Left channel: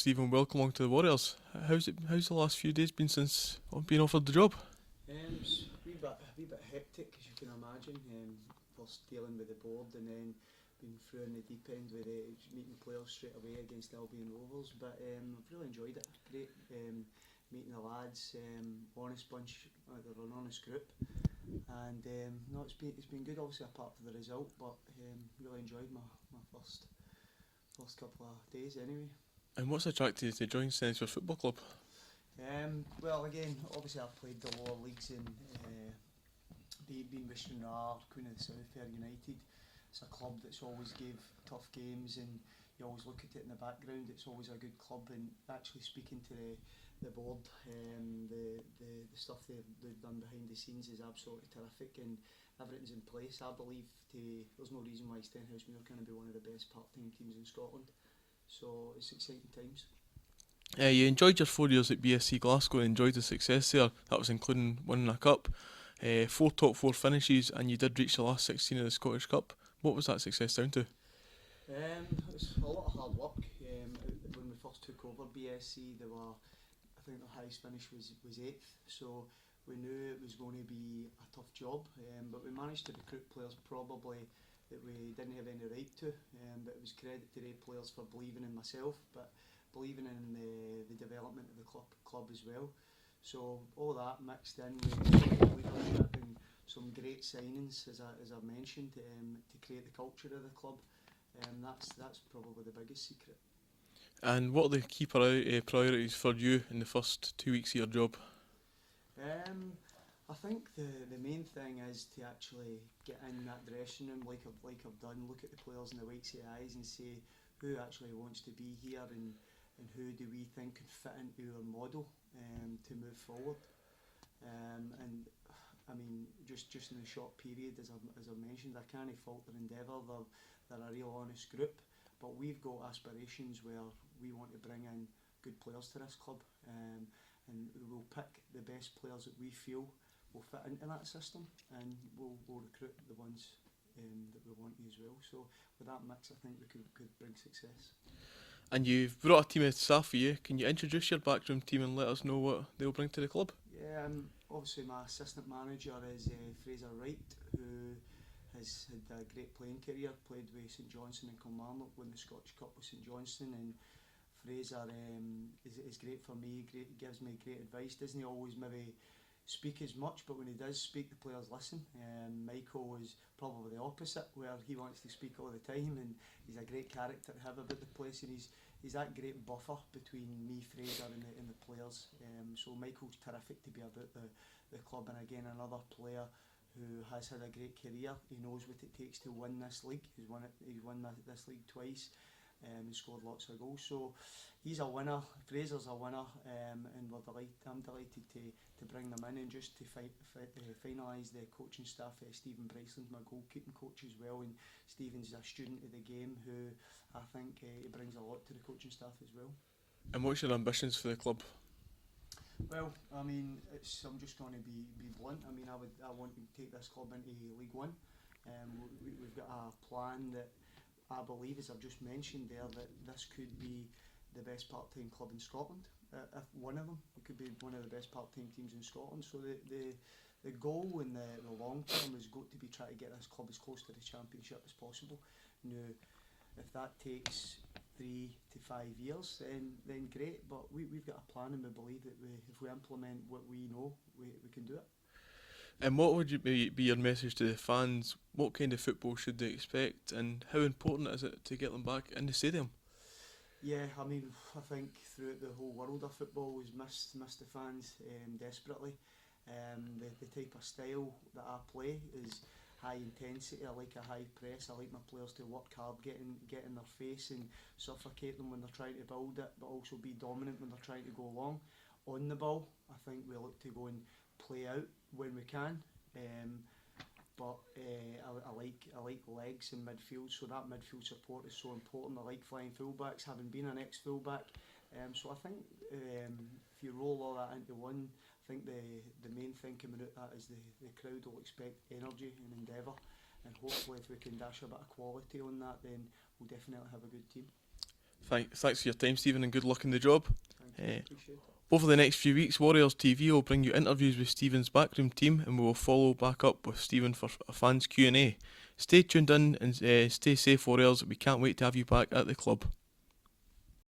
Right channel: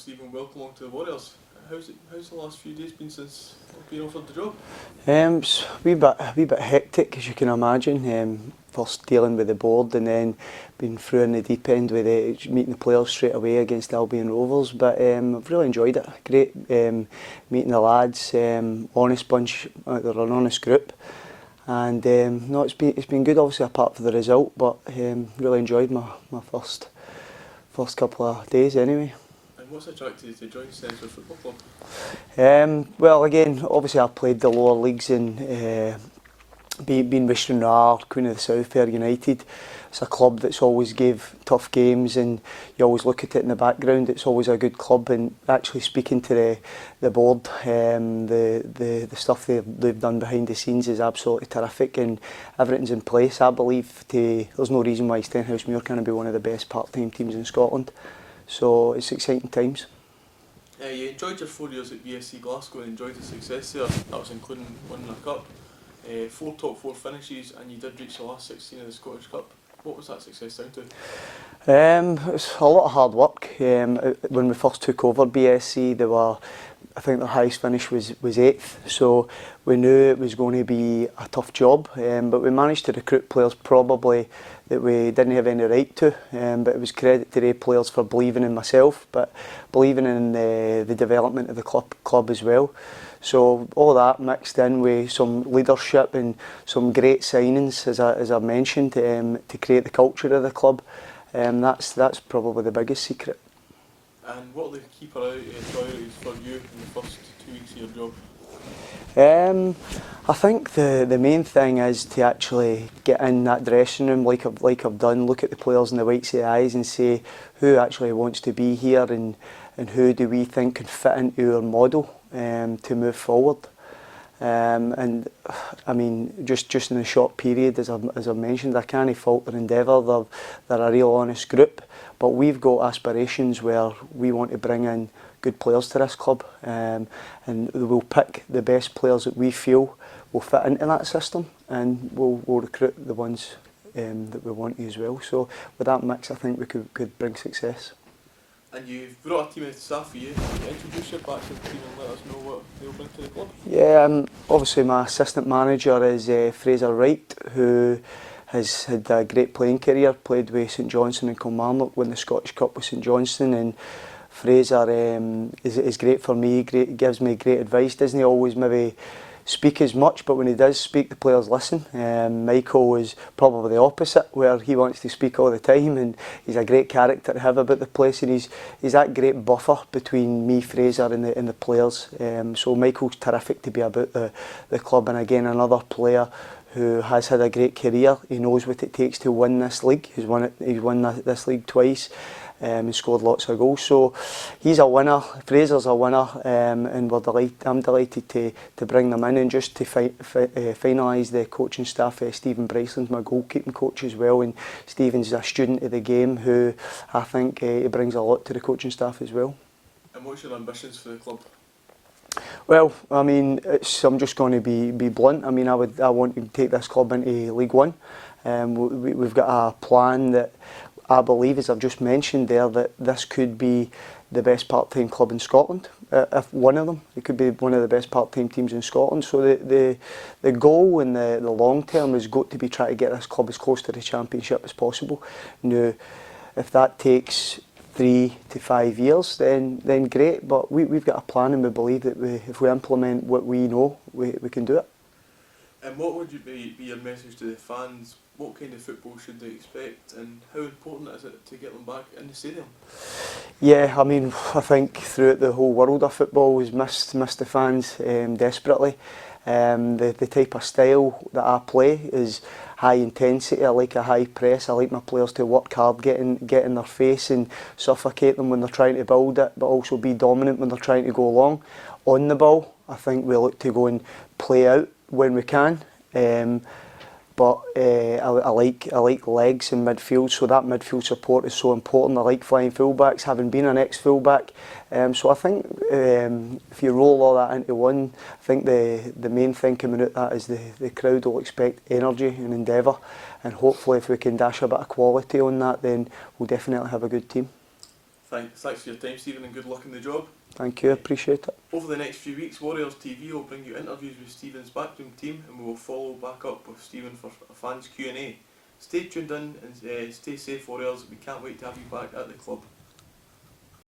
Stephen, welcome along to the Warriors. How's the last few days been since being offered the job? It's a wee bit hectic, as you can imagine. First dealing with the board and then being through in the deep end with meeting the players straight away against Albion Rovers. But I've really enjoyed it. Great meeting the lads, honest bunch, they're an honest group. And no, it's been good, obviously apart from the result, but really enjoyed my first couple of days anyway. And what's attracted you to join Stenhousemuir Football Club? Well, again, obviously I played the lower leagues in being with Stranraer, Queen of the South, Fair United. It's a club that's always gave tough games, and you always look at it in the background. It's always a good club, and actually speaking to the board, the stuff they've done behind the scenes is absolutely terrific, and everything's in place. I believe there's no reason why Stenhousemuir can't be one of the best part-time teams in Scotland. So it's exciting times. You enjoyed your 4 years at BSC Glasgow and enjoyed the success there. That was including winning a cup, 4 top 4 finishes, and you did reach the last 16 of the Scottish Cup. What was that success down to? It was a lot of hard work. When we first took over BSC, I think their highest finish was 8th, so we knew it was going to be a tough job, but we managed to recruit players probably that we didn't have any right to, but it was credit to the players for believing in myself, but believing in the development of the club as well. So all that mixed in with some leadership and some great signings, as I mentioned, to create the culture of the club. That's probably the biggest secret. And what are the key priorities for you in the first 2 weeks of your job? I think the main thing is to actually get in that dressing room like I've done, look at the players in the whites of the eyes and say who actually wants to be here and who do we think can fit into our model to move forward. And I mean, just in a short period, as I've mentioned, I can't fault their endeavour. They're a real honest group, but we've got aspirations where we want to bring in good players to this club, and we'll pick the best players that we feel will fit into that system, and we'll recruit the ones that we want to as well. So with that mix, I think we could bring success. And you've brought a team of staff for you. Can you introduce your backroom team and let us know what they'll bring to the club? Yeah, obviously my assistant manager is Fraser Wright, who has had a great playing career, played with St Johnstone and Kilmarnock, won the Scottish Cup with St Johnstone, and Fraser is great for me, gives me great advice, doesn't always maybe speak as much, but when he does speak, the players listen. Michael is probably the opposite, where he wants to speak all the time, and he's a great character to have about the place, and he's that great buffer between me, Fraser, and the players. So Michael's terrific to be about the club, and again another player who has had a great career. He knows what it takes to win this league. He's won this league twice. And scored lots of goals, so he's a winner. Fraser's a winner, and I'm delighted to bring them in, and just to finalise the coaching staff. Stephen Bryceland's my goalkeeping coach as well, and Stephen's a student of the game who I think he brings a lot to the coaching staff as well. And what's your ambitions for the club? Well, I mean, I'm just going to be blunt. I mean, I want to take this club into League One. We've got a plan that I believe, as I've just mentioned there, that this could be the best part-time club in Scotland. If one of them, it could be one of the best part-time teams in Scotland. So the goal in the long term has got to be trying to get this club as close to the Championship as possible. Now, if that takes 3 to 5 years, then great. But we've got a plan, and we believe that if we implement what we know, we can do it. And what would be your message to the fans? What kind of football should they expect, and how important is it to get them back in the stadium? Yeah, I mean, I think throughout the whole world of football we've missed the fans desperately. The type of style that I play is high intensity. I like a high press. I like my players to work hard, get in their face and suffocate them when they're trying to build it, but also be dominant when they're trying to go long. On the ball, I think we look to go and play out when we can. But I like legs in midfield, so that midfield support is so important. I like flying fullbacks, having been an ex-fullback. So I think if you roll all that into one, I think the main thing coming out of that is the crowd will expect energy and endeavour, and hopefully if we can dash a bit of quality on that, then we'll definitely have a good team. Thanks for your time, Stephen, and good luck in the job. Thank you, appreciate it. Over the next few weeks, Warriors TV will bring you interviews with Stephen's backroom team, and we will follow back up with Stephen for a fans Q&A. Stay tuned in and stay safe, Warriors. We can't wait to have you back at the club.